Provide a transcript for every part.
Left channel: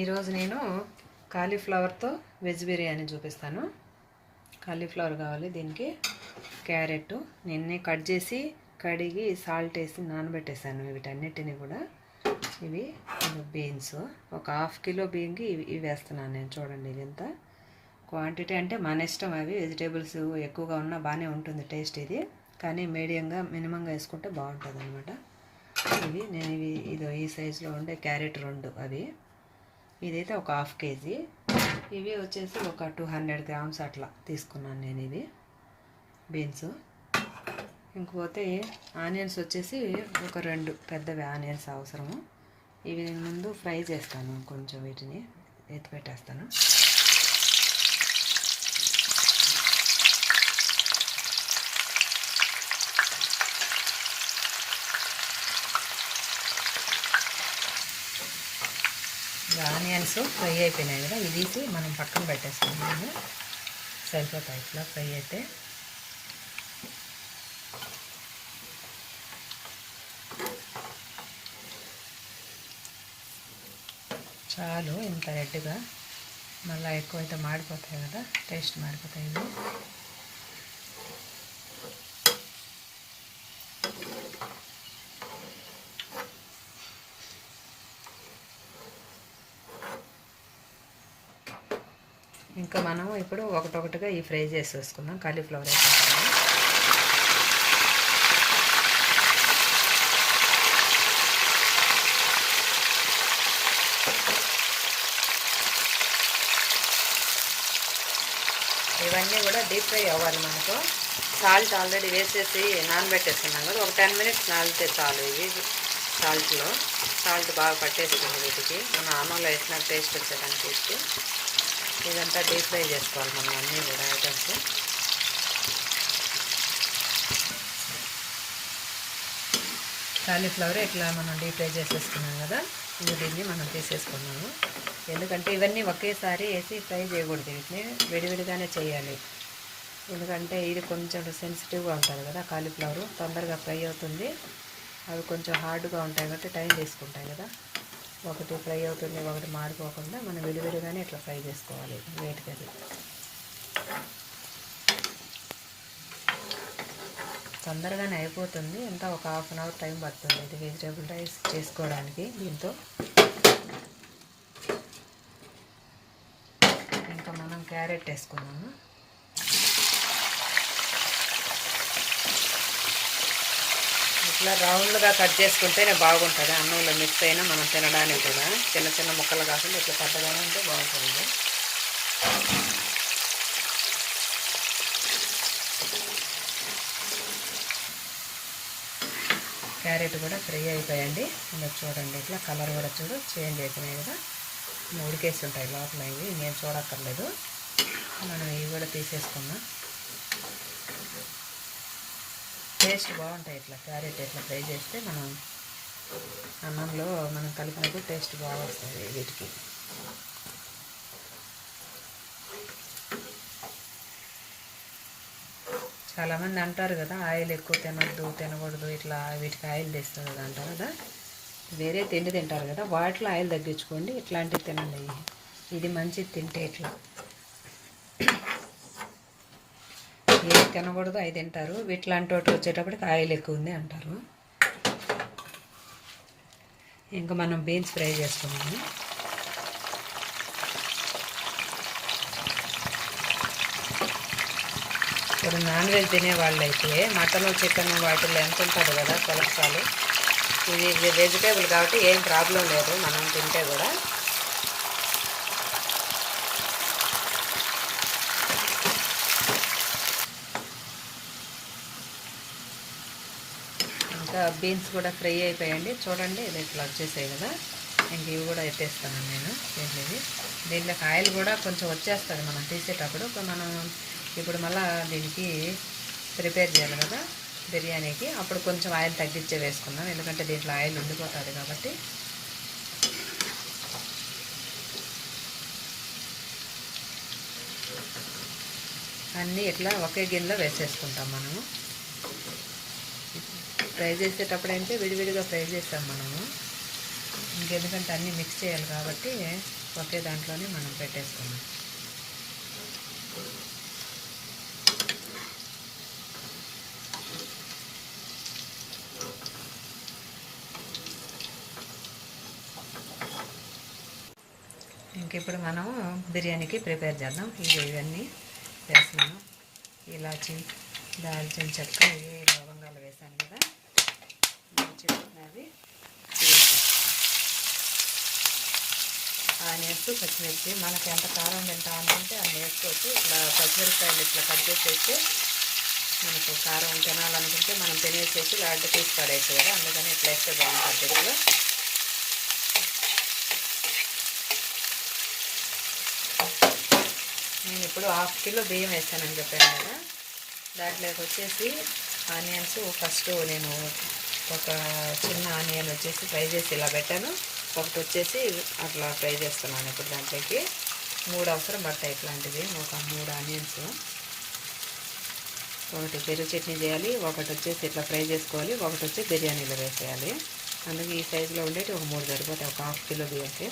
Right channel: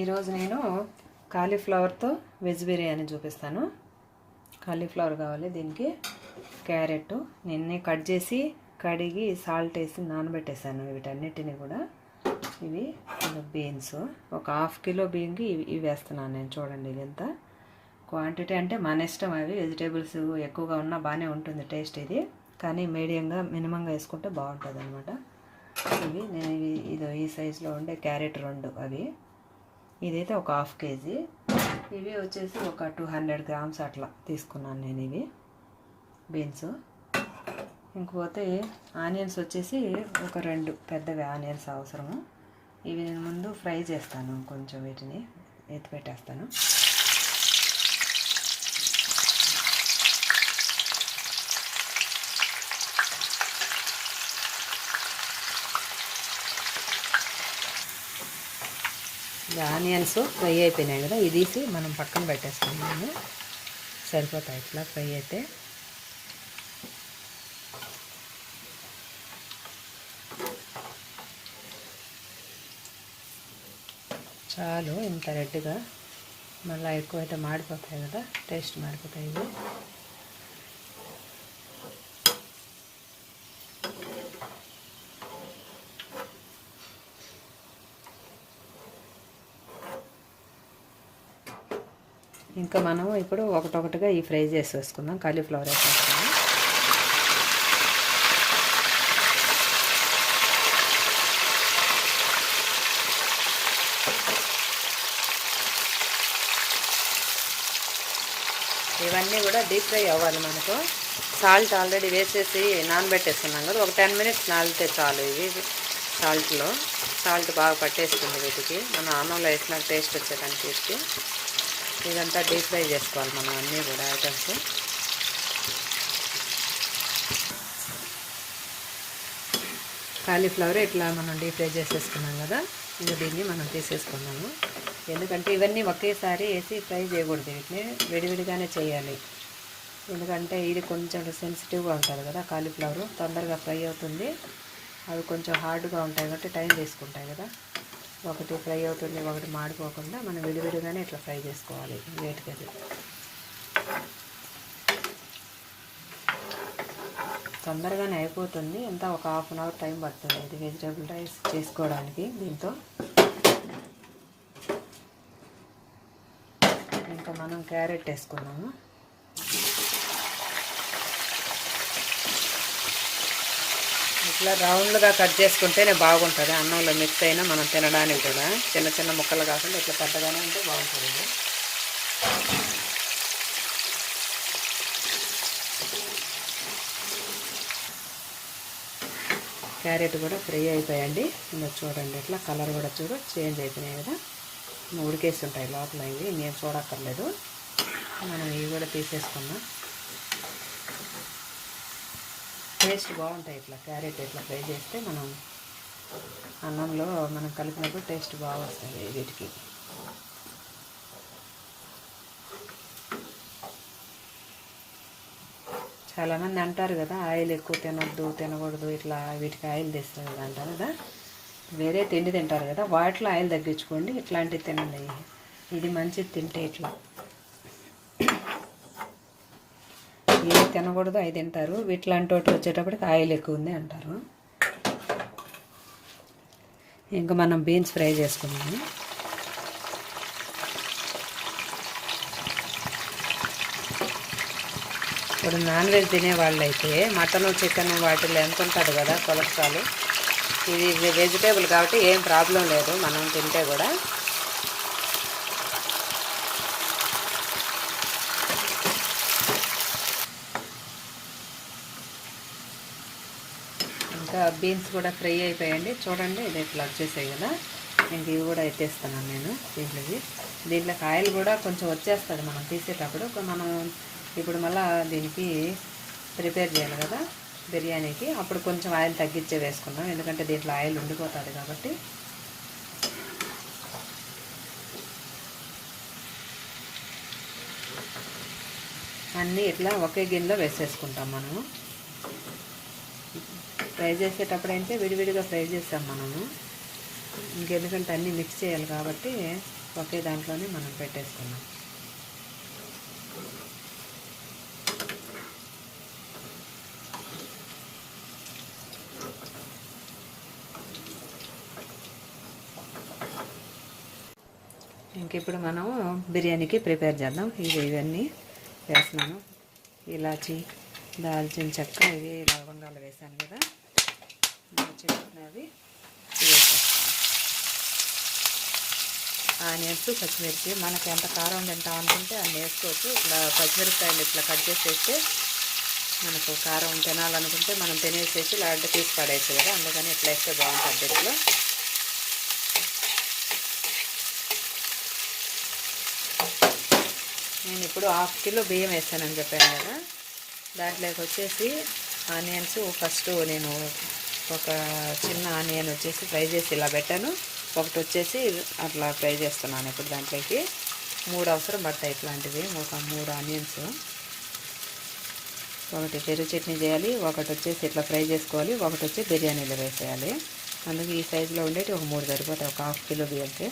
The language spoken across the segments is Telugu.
ఈరోజు నేను కాలీఫ్లవర్తో వెజ్ బిర్యానీ చూపిస్తాను. కాలీఫ్లవర్ కావాలి, దీనికి క్యారెట్ నిన్నే కట్ చేసి కడిగి సాల్ట్ వేసి నానబెట్టేసాను. వీటన్నిటిని కూడా ఇవి బీన్స్, ఒక ½ కిలో బియ్యంకి ఇవి వేస్తున్నాను నేను. చూడండి ఇది ఎంత క్వాంటిటీ అంటే మన ఇష్టం. అవి వెజిటేబుల్స్ ఎక్కువగా ఉన్నా బాగానే ఉంటుంది టేస్ట్ ఇది, కానీ మీడియంగా మినిమంగా వేసుకుంటే బాగుంటుంది అనమాట. నేను ఇది ఈ సైజులో ఉండే క్యారెట్ 2 అవి, ఇదైతే ఒక ½ కేజీ. ఇవి వచ్చేసి ఒక 200 గ్రామ్స్ అట్లా తీసుకున్నాను నేను. ఇవి బీన్స్. ఇంకపోతే ఆనియన్స్ వచ్చేసి ఒక 2 పెద్దవి ఆనియన్స్ అవసరము. ఇవి నేను ముందు ఫ్రై చేస్తాను, కొంచెం వీటిని ఎత్తి పెట్టేస్తాను. ఆనియన్స్ ఫ్రై అయిపోయినాయి కదా, ఇది తీసి మనం పక్కన పెట్టేసుకున్నాము. సరిపోతాయి ఇట్లా ఫ్రై అయితే. చాలు ఇంత రెడ్గా, మళ్ళీ ఎక్కువైతే మాడిపోతాయి కదా, టేస్ట్ మాడిపోతాయి ఇవి. ఇంకా మనం ఇప్పుడు ఒకటొకటిగా ఈ ఫ్రై చేసేసుకుందాం. కాలీఫ్లవర్ వేసుకుంటాము. ఇవన్నీ కూడా డీప్ ఫ్రై అవ్వాలి మనకు. సాల్ట్ ఆల్రెడీ వేసేసి నానబెట్టేస్తున్నాం కదా, ఒక 10 మినిట్స్ నానితే చాలు. ఇవి సాల్ట్ బాగా పట్టేస్తుంది వీటికి, మన అన్నంలో వేసిన టేస్ట్ వచ్చేదానికి. ఇదంతా డీప్ ఫ్రై చేసుకోవాలి మనం అన్నీ కూడా ఐటమ్స్. కాలీఫ్లవర్ ఇట్లా మనం డీప్ ఫ్రై చేసేసుకున్నాం కదా, దీన్ని మనం తీసేసుకున్నాము. ఎందుకంటే ఇవన్నీ ఒకేసారి వేసి ఫ్రై చేయకూడదు, వీటిని విడివిడిగానే చేయాలి. ఎందుకంటే ఇది కొంచెం సెన్సిటివ్గా ఉంటుంది కదా కాలీఫ్లవర్, తొందరగా ఫ్రై అవుతుంది. అవి కొంచెం హార్డ్గా ఉంటాయి కాబట్టి టైం తీసుకుంటాయి కదా. ఒకటి ఫ్రై అవుతుంది, ఒకటి మాడిపోకుండా మనం విడివిడిగానే ఇట్లా ఫ్రై చేసుకోవాలి. వేటికి అది తొందరగానే అయిపోతుంది. ఎంత ఒక ½ అన్ అవర్ టైం పడుతుంది ఇది వెజిటేబుల్ రైస్ చేసుకోవడానికి. దీంతో ఇంకా మనం క్యారెట్ వేసుకున్నాము. ఇట్లా రౌండ్గా కట్ చేసుకుంటేనే బాగుంటుంది, అన్నంలో మిక్స్ అయినా మనం తినడానికి కూడా. చిన్న చిన్న ముక్కలు కాకుండా ఇట్లా పెద్దగానే ఉంటే బాగుంటుంది. క్యారెట్ కూడా ఫ్రై అయిపోయాయండి. ఇంకా చూడండి ఇట్లా కలర్ కూడా చేంజ్ అయిపోయినాయి కదా, ఉడికేసి ఉంటాయి లోపల. ఇవి నేను చూడక్కర్లేదు, మనం ఇవి కూడా తీసేసుకున్నాం. టేస్ట్ బాగుంటాయి ఇట్లా క్యారెట్ ఇట్లా ఫ్రై చేస్తే. మనం అన్నంలో మనం కలిపినప్పుడు టేస్ట్ బాగా వస్తుంది వీటికి. చాలామంది అంటారు కదా ఆయిల్ ఎక్కువ తినకూడదు, ఇట్లా వీటికి ఆయిల్ తెస్తుంది కదా అంటారు కదా. వేరే తిండి తింటారు కదా, వాటిలో ఆయిల్ తగ్గించుకోండి, ఇట్లాంటివి తినండి. ఇది మంచిది తింటే. ఇట్లా ఏది తినకూడదు అవి తింటారు, వీటిలాంటి వాటికి వచ్చేటప్పటికి ఆయిల్ ఎక్కువ ఉంది అంటారు. ఇంకా మనం బీన్స్ ఫ్రై చేసుకున్నాము. ఇప్పుడు నాన్ వెజ్ తినే వాళ్ళైతే మటన్ చికెన్ వాటిల్లో ఎంత ఉంటుంది కదా కొలెస్ట్రాల్. ఇది వెజిటేబుల్ కాబట్టి ఏం ప్రాబ్లం లేదు మనం తింటే కూడా. ఇంకా బీన్స్ కూడా ఫ్రై అయిపోయాయండి. చూడండి ఇది ఇట్లా వచ్చేసాయి కదా. ఇంక ఇవి కూడా ఎత్తేస్తున్నాను నేను దీంట్లోకి ఆయిల్ కూడా కొంచెం వచ్చేస్తుంది మనం తీసేటప్పుడు. మనం ఇప్పుడు మళ్ళీ దీనికి ప్రిపేర్ చేయాలి కదా బిర్యానీకి, అప్పుడు కొంచెం ఆయిల్ తగ్గించే వేసుకుందాం, ఎందుకంటే దీంట్లో ఆయిల్ ఉండిపోతుంది కాబట్టి. అన్నీ ఇట్లా ఒకే గిన్నెలో వేసేసుకుంటాం మనము. ఫ్రై చేసేటప్పుడు అంటే విడివిడిగా ఫ్రై చేస్తాం మనము. ఇంకెందుకంటే అన్నీ మిక్స్ చేయాలి కాబట్టి ఒకే దాంట్లోనే మనం పెట్టేసుకున్నాం. ఇంక ఇప్పుడు మనం బిర్యానీకి ప్రిపేర్ చేద్దాం. ఇవన్నీ వేస్తున్నాను. ఇలాచి, దాల్చిన చెక్క, ఇవి లవంగాలు వేసాను కదా, అది ఆనియన్స్, పచ్చిమిర్చి మనకి ఎంత కారం తింటా అనుకుంటే అన్ని వేసుకోవచ్చు. ఇట్లా పచ్చిమిరపకాయలు ఇట్లా కట్ చేసేస్తే మనకు కారం తినాలనుకుంటే మనం తినేసేసి ఇలా అడ్డు పీస్ పడేయచ్చు కదా, అందుకని ఇట్లా వేస్తే బాగుంటుంది. ఇట్లా నేను ఇప్పుడు 1/2 కిలో బియ్యం వేస్తానని చెప్పాను కదా, దాంట్లోకి వచ్చేసి ఆనియన్స్ ఫస్ట్ నేను ఒక చిన్న ఆనియన్ వచ్చేసి ఫ్రై చేసి ఇలా పెట్టాను, ఒకటి వచ్చేసి అట్లా ఫ్రై చేస్తున్నాను. ఇప్పుడు దాంట్లోకి 3 అవసరం పడతాయి ఇట్లాంటివి, ఒక 3 ఆనియన్స్. ఒకటి పెరుగు చట్నీ చేయాలి, ఒకటి వచ్చేసి ఇట్లా ఫ్రై చేసుకోవాలి, ఒకటి వచ్చి బిర్యానీలో వేసేయాలి. అందుకే ఈ సైజులో ఉండేటి ఒక 3 సరిపోతాయి ఒక 1/2 కిలో బియ్యంకి.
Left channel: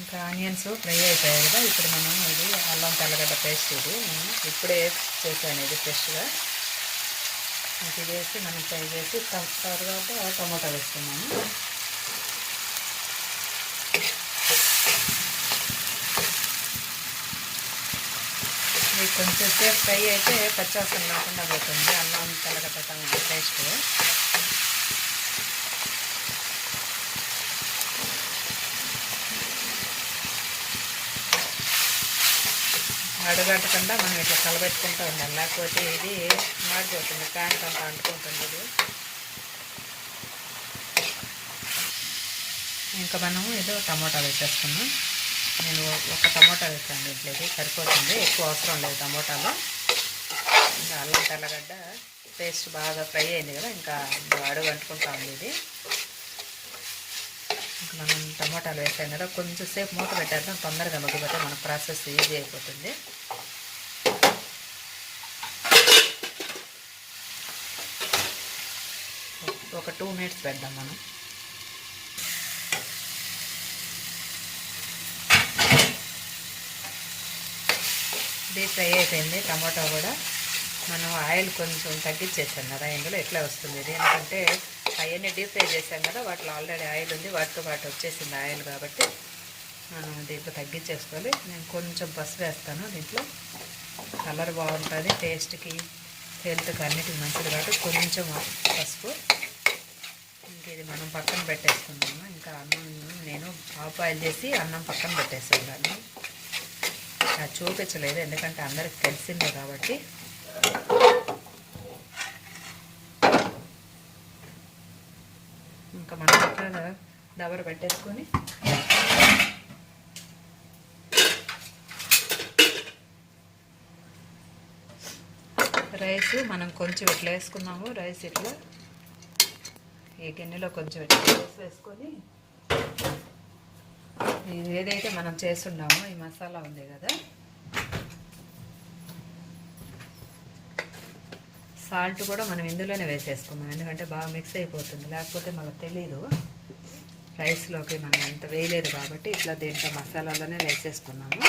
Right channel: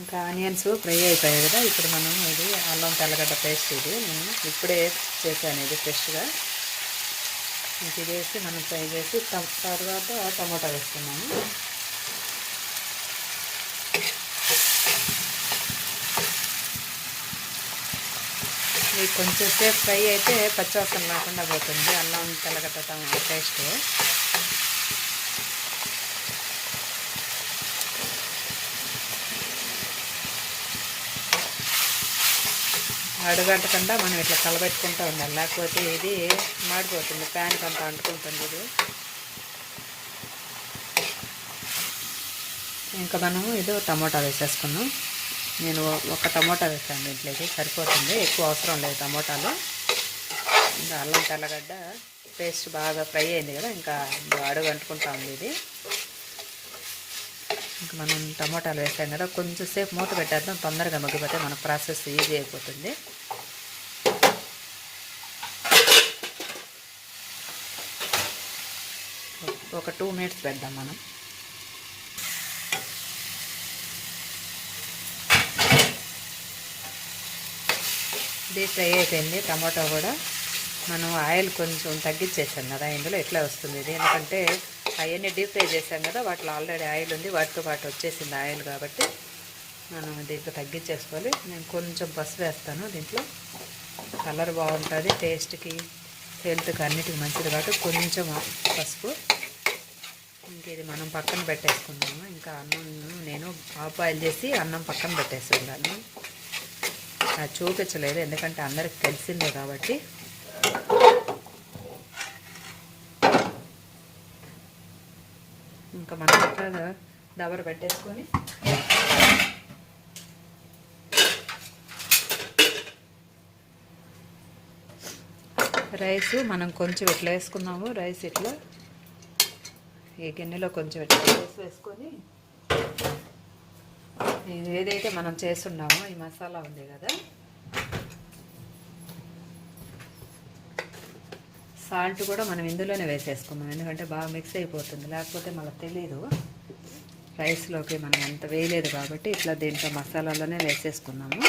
ఇంకా ఆనియన్స్ ఫ్రై అయిపోయాయి కదా, ఇప్పుడు మనం ఇది అల్లం తెల్లగడ్డ పేస్ట్, ఇది నేను ఇప్పుడే చేశాను, ఇది ఫ్రెష్గా. ఇది వేసి మనం ఫ్రై చేసి తర్వాత టమోటా వేస్తున్నాము. ఇది కొంచెం సేపు ఫ్రై అయితే పచ్చివాసన లేకుండా పోతుంది అల్లం తెల్లగడ్డ టమాటా పేస్ట్. అడుగంటకుండా మనం ఇట్లా కలబెట్టుకుంటూ ఉండాలి, లేకపోతే ఇది మాడిపోతుంది, ప్యాన్ అంతా అంటుకుంటుంది ఇది. ఇంకా మనము ఇది టమోటా వేసేసుకున్నాం. నేను ఒక టమోటా వేసాను దీంట్లోకి, సరిపోతుంది, ఎక్కువ అవసరం లేదు టమోటాలు. ఇంకా అల్లం తెల్లగడ్డ పేస్ట్ బాగా ఫ్రై అయింది కదా, ఇంకా అడుగు అంటుకుంటా ఉంది ఇది. ఇంకా మనం టమోటాలు వేసాం కదా, కొంచెం సేపు మూత పెట్టేద్దాం, తొందరగా మగ్గిపోతే మన ప్రాసెస్ ఈజీ అయిపోతుంది. ఒక 2 మినిట్స్ పెడదాం మనం. డీప్ ఫ్రై అయిపోయింది టమాటా కూడా. మనం ఆయిల్ కొంచెం తగ్గించేసాం కదా ఇందులో, ఎట్లా వస్తుంది ఇది, ఎందుకంటే అవన్నీ డీప్ ఫ్రై చేసాం కదా, వాటిలో ఆల్రెడీ ఆయిల్ ఉంది, వాటితో పాటు వచ్చేసింది ఆయిల్, కాబట్టి మనం దీంట్లో తగ్గించేసుకోవాలి. నేను కొంచెం పసుపు వేస్తాను దీంట్లో, కలర్ బాగుంటుంది, టేస్ట్కి హెల్త్కి అన్నిటికి మంచిది కాబట్టి కొంచెం పసుపు. ఇంక ఇది మనం పక్కన పెట్టేసుకున్నాము. ఇంకా అన్నం నేను హాఫ్ బాయిల్ చేసి అన్నం పక్కన పెట్టేసాను, కానీ అది చూపించలేదు ఎందుకంటే అందరికి తెలిసిందే కాబట్టి. ఇంకా మనం ఇట్లా దబర పెట్టేసుకొని రైస్ మనం కొంచెం ఇట్లా వేసుకున్నాము, రైస్ ఇట్లా ఈ గిన్నెలో కొంచెం ఇట్లా వేసుకొని ఏదైతే మనం చేస్తున్నామో ఈ మసాలా ఉంది కదా, సాల్ట్ కూడా మనం ఇందులోనే వేసేసుకున్నాం, ఎందుకంటే బాగా మిక్స్ అయిపోతుంది, లేకపోతే మనకు తెలియదు రైస్లోకి మనం ఎంత వేయలేదు కాబట్టి ఇట్లా దీంట్లో మసాలాలోనే వేసేసుకున్నాము.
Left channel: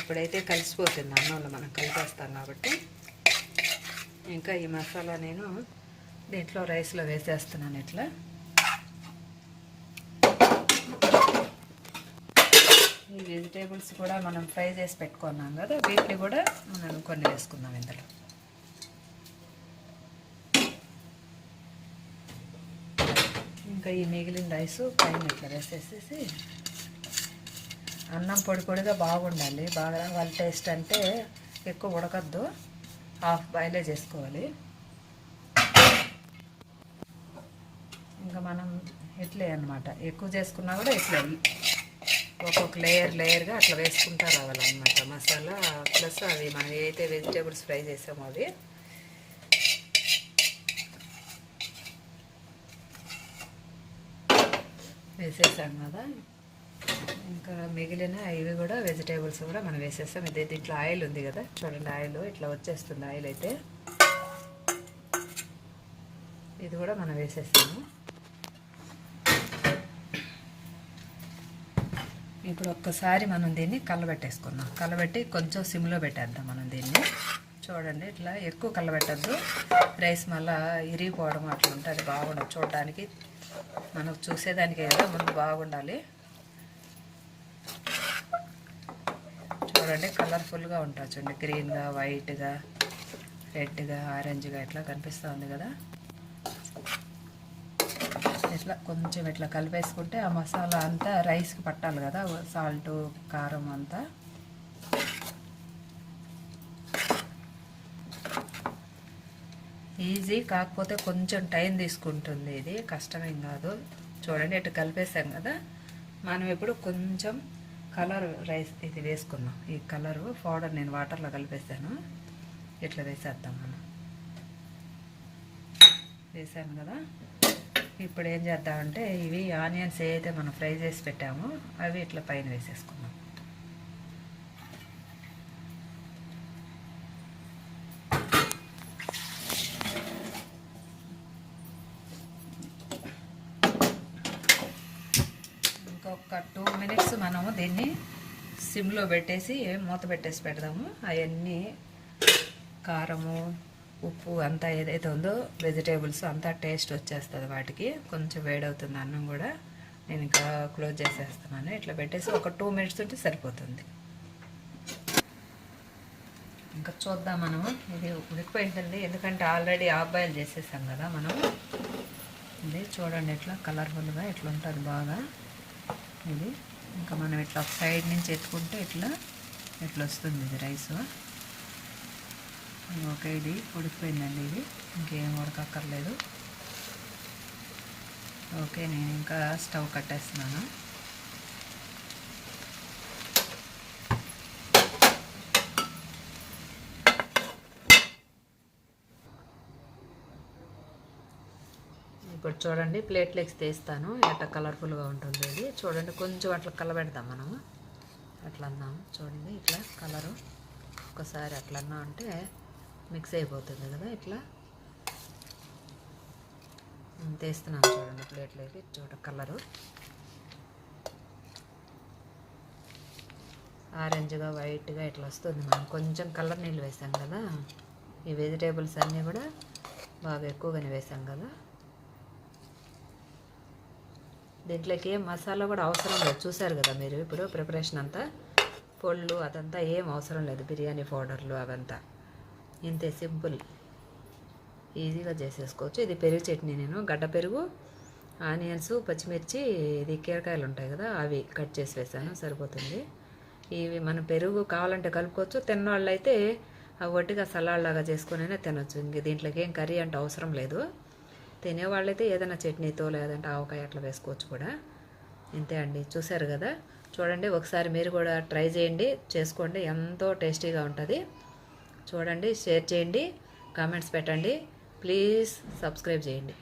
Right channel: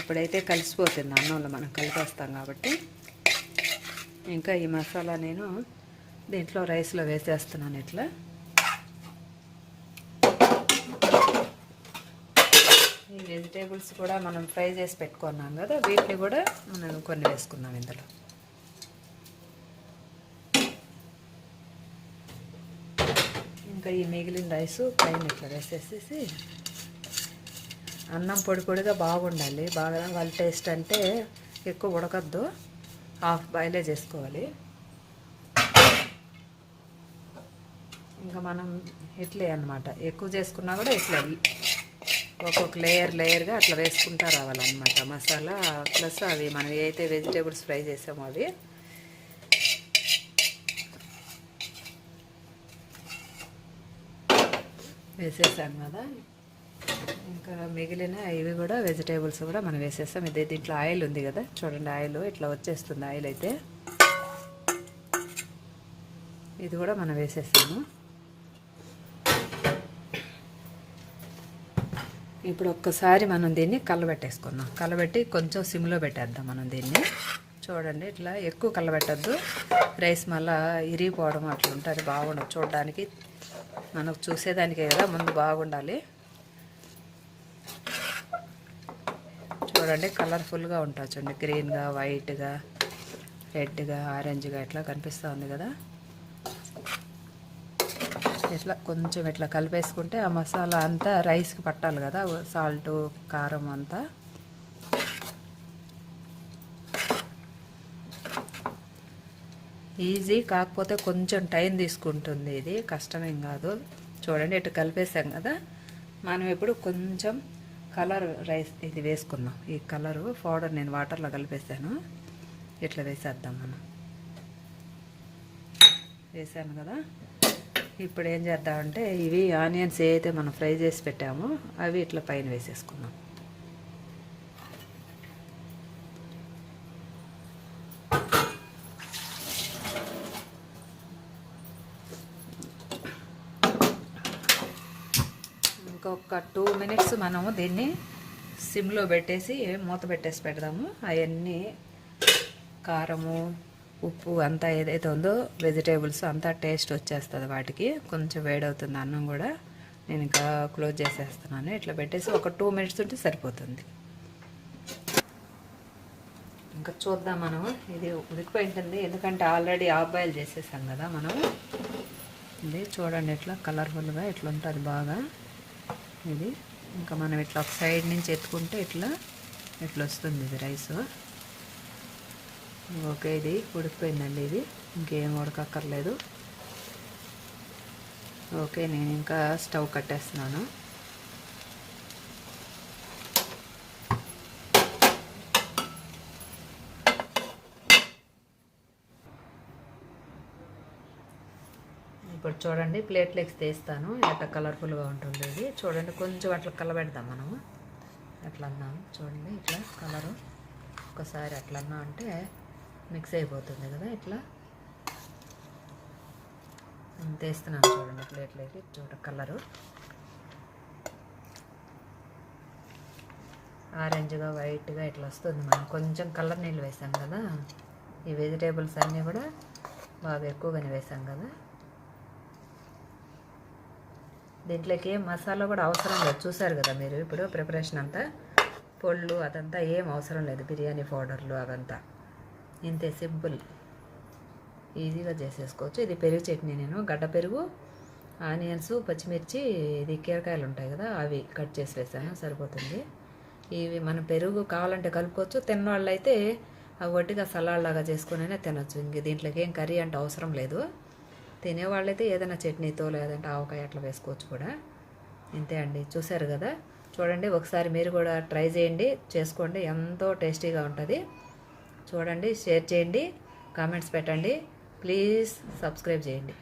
ఇప్పుడైతే కలిసిపోతుంది అన్నంలో మనం కలిపేస్తాం కాబట్టి. ఇంకా ఈ మసాలా నేను దీంట్లో రైస్లో వేసేస్తున్నాను. ఇట్లా ఈ వెజిటేబుల్స్ కూడా మనం ఫ్రై చేసి పెట్టుకున్నాం కదా, వీటిని కూడా మనం కొన్ని వేసుకున్నాం ఇందులో. ఇంకా ఈ మిగిలిన రైస్ పైన ఇట్లా వేసేసేసి, అన్నం పొడి పొడిగా బాగుండాలి, బాగా వాళ్ళ టేస్ట్ అంటే ఎక్కువ ఉడకద్దు, హాఫ్ బాయిలే చేసుకోవాలి. ఇంకా మనం ఇట్లే అన్నమాట, ఎక్కువ చేసుకున్నా కూడా ఇట్లా ఒక్కొక్క లేయర్గా అట్లా వేసుకుంటూ రావాలన్నమాట మసాలా, ప్లస్ అవి మనం ఏదైతే వెజిటేబుల్స్ ఫ్రై చేసామో అవి. వేసేసాం కదా, ఇంకా మిగిలిన ఇవి కూడా వెజిటేబుల్స్ కూడా మనం వేసేస్తాం. ఇదే దీంట్లో ఆయిల్ ఉంది కదా, చూడండి ఆయిల్ ఇట్లా వచ్చేస్తుంది. ఆయిల్ అయితే ఇది కూడా మనం వేసేస్తాము. ఇప్పుడు ఒక్కసారి మనం దీన్ని కలబెట్టేసుకుందాం. కలబెట్టి కొంచెం సిమ్లో పెట్టేద్దాం మనం దీన్ని. చూడండి ఇట్లా ఎక్కువ కలబెట్టద్దు, రైస్ మళ్ళీ ఇరిగిపోవడం అట్లా ఉంటుంది, బాగుండదు చూడడానికి. మనకు చూసేదానికే కదా ముందు బాగుండాలి. చూడండి కలర్ఫుల్గా ఉంటుంది చూడండి, గ్రీన్గా, వైట్గా, రెడ్గా, ఆరెంజ్గా ఇట్లా కనిపిస్తూ ఉంది కదా. ఇట్లా కొంచెం ఇట్లా కలిపేసుకుంటే ఆ మసాలా అంతా రైస్కి పట్టాలి కదా, సాల్ట్, కారం అంతా. ఈజీ, కాకపోతే కొంచెం టైం తీసుకుంటుంది. ఇది కష్టమేం కాదు. చూడండి ఇట్లా కలిపేసాం కదా. మనం ఇప్పుడు కొంచెం కలర్ రైస్ ఇది వేసుకుందాం. ఈ కలరు పౌడర్ నేను వాటర్లో కలిపేసాను. ఇట్లా వేసేద్దాం మనం. వేసాను కదా. ఇప్పుడు ఏం చేద్దామంటే ఇవి ఆనియన్స్ ఏదైతే మనం ఫ్రై చేసి పెట్టామో అవి ఇట్లా పైన వేసేసుకుందాం. ఇంకొక 2 minutes మనము దీన్ని సిమ్లో పెట్టేసి మూత పెట్టేసి పెడదాము. అవన్నీ కారము, ఉప్పు అంతా ఏదైతే ఉందో వెజిటేబుల్స్ అంతా టేస్ట్ వచ్చేస్తుంది వాటికి. కొంచెం వేడవుతుంది అన్నం కూడా. నేను ఇంకా క్లోజ్ చేసేస్తున్నాను. ఇట్లా పెట్టేసి ఒక 2 minutes ఉంటే సరిపోతుంది. ఇంకా చూద్దాం మనం. ఇది ఉడికిపోయింటుంది, ఎందుకంటే ఆల్రెడీ హాఫ్ బాయిల్ చేసేసాం కదా మనం. ఇది చూడండి ఇట్లా కలర్ఫుల్గా ఇట్లా ఉంటుంది బాగా. ఇది ఇంకా మనం ఇట్లా ఒక సైడ్ నుంచి ఎత్తుకుంటే ఇట్లా వస్తుంది ఇది రైస్. ఓకే, ఇది ఉడికిపోయిందండి. ఇది ఇంకేం ఉడకక్కర్లేదు. ఓకే, నేను ఇంకా స్టవ్ కట్టేస్తున్నాను. ఇప్పుడు చూడండి ప్లేట్లెక్స్ తీస్తాను. ఎట్లా కలర్ఫుల్గా ఉంటుంది ఇది. చూడండి కొంచెం అట్లా కలబెడదాం మనము. అట్లా అన్నాము చూడండి ఇట్లా కలరు. ఒకసారి అట్లా అన్నా అంటే మిక్స్ అయిపోతుంది కదా. ఇట్లా తీస్తున్నాను చూడండి ప్లేట్లోకి. కలరు ఆరెంజ్గా, వైట్గా ఇట్లా వస్తుంది. మనం కొంచెం కలర్ నీళ్ళు వేసాం కదా. ఈ వెజిటేబుల్స్ అన్నీ కూడా బాగా ఎక్కువగానే వేసాం కదా. దీంట్లోకి ఏం మసాలా కూడా అవసరం లేదు. చూసారు కదా మీరు ఇప్పుడు ప్రిపరేషన్ అంతా. పొళ్ళు అదంతా ఏం అవసరం లేదు. బిర్యానీ పౌడర్లు అవంతా ఇంతే, సింపుల్, ఈజీగా చేసేసుకోవచ్చు. ఇది పెరుగు చట్నీ. నేను గడ్డ పెరుగు, ఆనియన్స్, పచ్చిమిర్చి, ఇది కీరకాయలు ఉంటాయి కదా అవి కట్ చేసి వేసాను, సరిపోతుంది. ఇవి మన పెరుగు కావాలంటే కలుపుకోవచ్చు. తిన్నవాళ్ళు అయితే అవి ఒట్టిగా సలాడ్ లాగా చేసుకునే తినొచ్చు. ఇంక దీంట్లోకి ఏం కర్రీ అంటే అవసరం లేదు. తినేవాళ్ళైతే ఏదైనా చట్నీతో లేదంటే ఆవకాయ అట్లా వేసుకోవచ్చు కూడా. ఇంతే అండి, చూసారు కదా. చూడండి ఒకసారి మీరు కూడా ట్రై చేయండి, చేసుకోండి. ఎంతో టేస్టీగా ఉంటుంది. చూడండి, షేర్ చేయండి, కామెంట్స్ పెట్టండి, ప్లీజ్ సబ్స్క్రైబ్ చేయండి.